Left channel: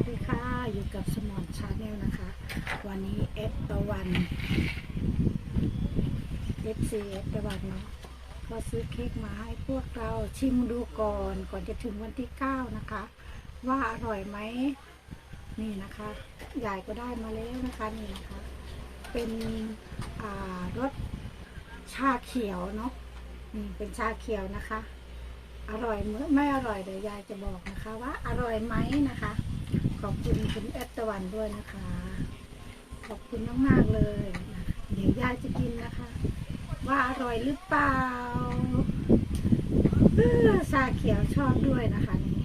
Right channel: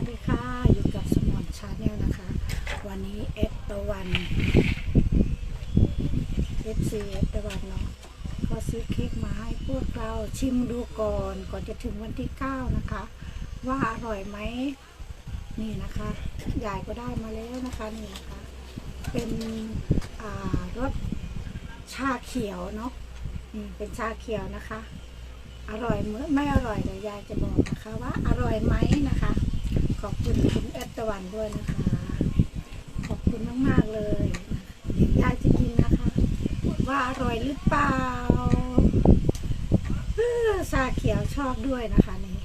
สดีค่ะ อยู่กับสมอนชาแนลนะคะ วันนี้เอสตะวันเอฟซีเอสตะวันเนาะก็ซื้อเค้กมาให้พวกเราชิมดูก่อน ก่อนจะถึงวันที่เก้านะคะ ว่าอร่อยไหมนี่นะคะยายก็ได้มาแล้วนะคะนี่นะคะ เป็นอ่ารสชาเขียวเนาะนี่เป็นชาเขียวนะคะอร่อยเมื่อไม่อร่อยเดี๋ยวยายจะบอกนะคะว่าอร่อยไหมนะคะ ขอบคุณคุณแอดตะวันด้วยนะคะ ขอบคุณมากๆเลยนะเดี๋ยวยายจะกินนะคะ ว่าอร่อยหรือเปล่าเออชาเขียวชอบด้วยนะคะนี่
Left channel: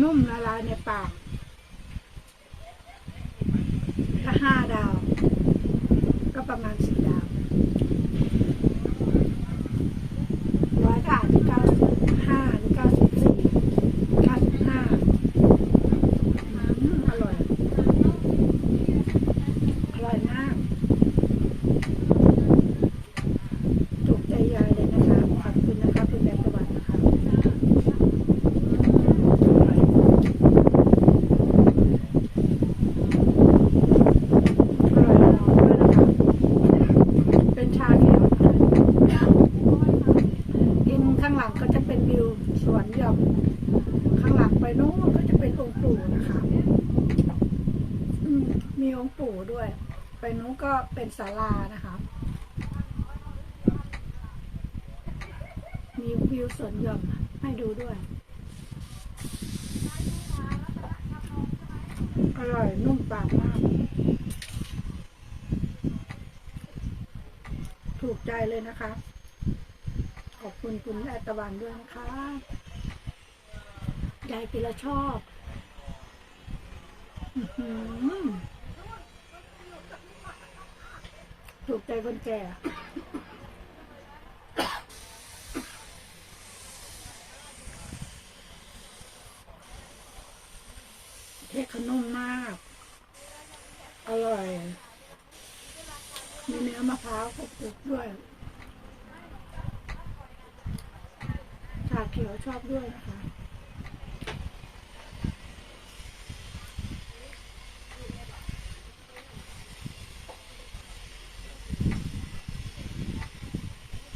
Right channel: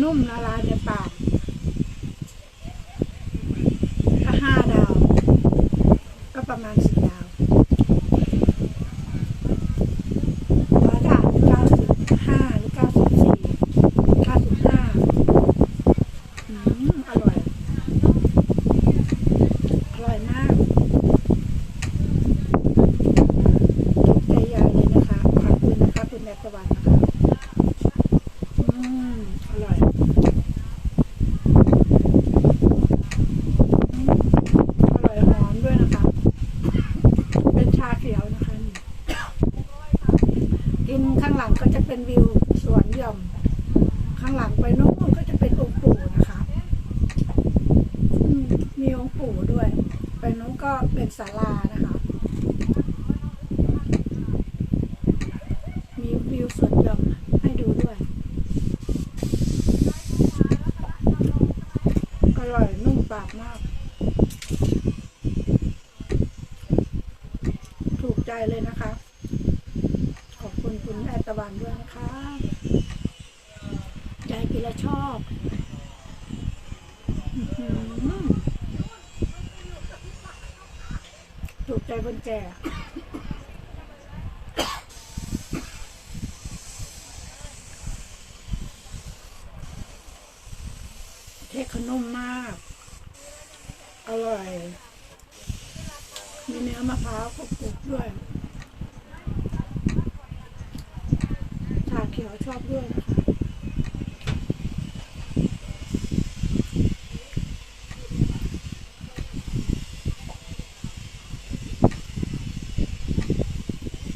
นุ่มละลายในปากถ้าห้าดาว ก็ประมาณสี่ดาวร้อยดาวเก้าสิบห้าหรือเก้าสิบสี่เก้าสิบห้าอืมอร่อย อร่อยมาก ถูกใจยายเลยนะคะ ขอบคุณนะคะ คุณแม่ตะวันนะคะอืมอร่อย อร่อยหอมด้วยนะคะ เป็นชาเขียวนะคะกินข้างห ลังก็จะเป็นวิวสวนหย่อม ข้างหลังไปโน้นก็จะเป็นองค์ปู่นะคะมีองค์ปู่ด้วย ไปโน้นก็เป็นศาลานะคะ มีวิวสวนหย่อมให้ดูด้วย อร่อยนุ่มปากมาก ถูกใจเลยนะคะ คุณคุณแอดตะวันด้วยนะคะยายกินแล้วชอบถูกใจคนแก่เค้กขนุ่มมาก อร่อย มีเนื้อมะพร้าวกรุบด้วย ชาเขียวชอบด้วยนะคะ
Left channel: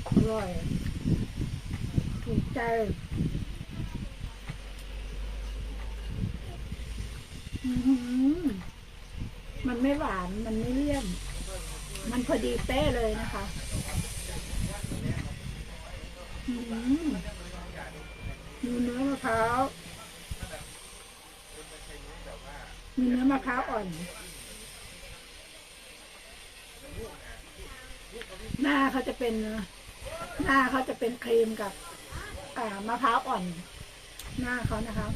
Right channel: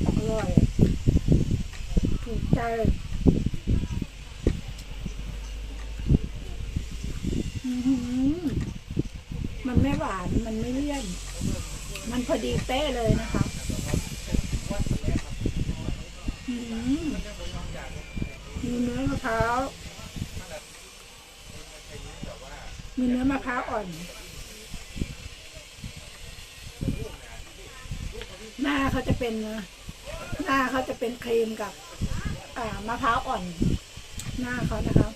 อร่อยถูกใจมันไม่หวาน มันไม่เลี่ยน มันพอดีเป๊ะเลยนะคะ อืม ร้าว มีเนื้อมะพร้าวอ่อน หน้าเขาจะเป็น หน้าเขาจะเป็นครีมกับ อ่ามะพร้าวอ่อน หน้าเขานะคะ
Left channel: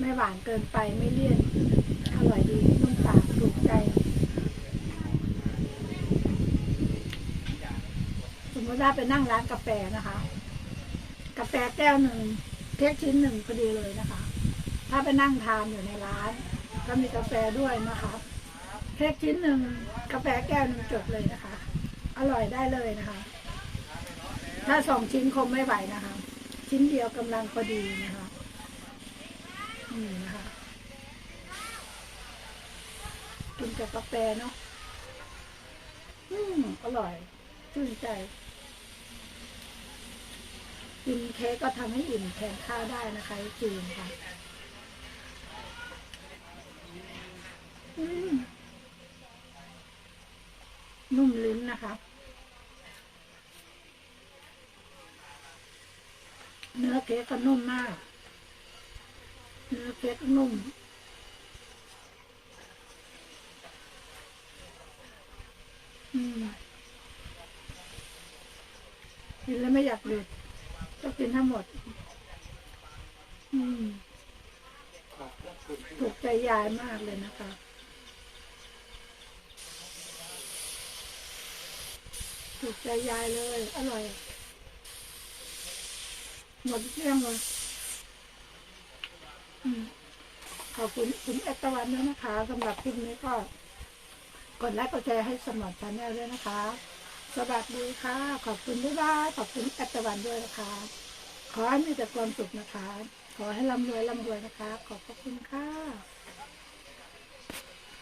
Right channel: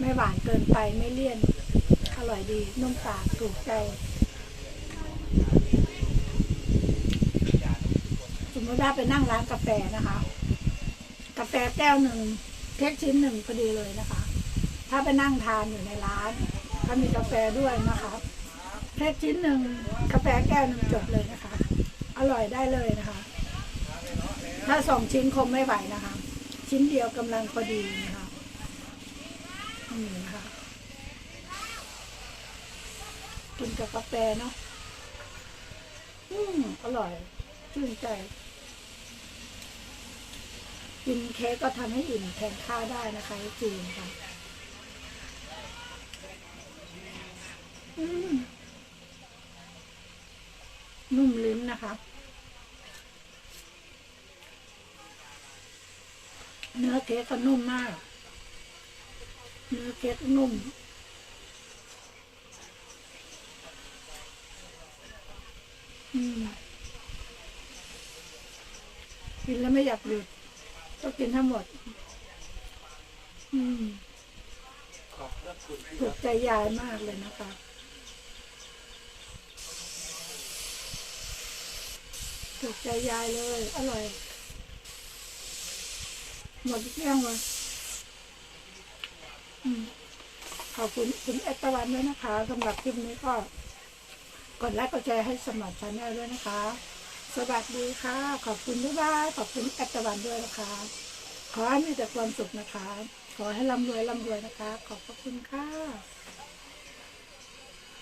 ไม่หวานเกินไปไม่เลี่ยน อร่อยดีนุ่มปากถูกใจสมมติว่าไปนั่งร้านกาแฟนะคะ กาแฟแก้วหนึ่ง เค้กชิ้นหนึ่งพอดีเลยนะคะ ถ้าไปนั่งทานอยู่ในร้านก็มีกาแฟด้วยนะคะเค้กชิ้นหนึ่งกาแฟแก้วหนึ่งจบเลยนะคะ อร่อยได้เลยนะคะ ถ้าสองชิ้นคงไม่ไหวนะคะ ชิ้นเดียวกำลังพอดีนะคะนี่นะคะกินกับกาแฟเนาะอืมอร่อยชื่นใจ กินเค้กก็ทำให้อิ่มแทนข้าวได้นะคะจีนค่ะนุ่มลิ้นนะคะ เนื้อเค้กก็นุ่มมาก เนื้อเค้กนุ่มอืมกินแล้วไม่อยากหยุด ต้องกินทั้งหมด อืมถูกใจยายมากเลยนะคะ ถูกใจยายเลย อร่อย หมดเรื่องเลยอืมขอบคุณคุณเอตตวันด้วยนะคะสำหรับคลิปนี้ก็ กดไลค์กดแชร์ให้สมัครชาแนลด้วยนะคะ สวัสดีค่ะ ขอบคุณบ๊ายบายขอบคุณแอปตวันด้วยนะคะ ขอให้มีแต่ความสุขนะคะ ขอให้ร่ำรวยร่ำรวยนะคะ ขอบพระคุณค่ะ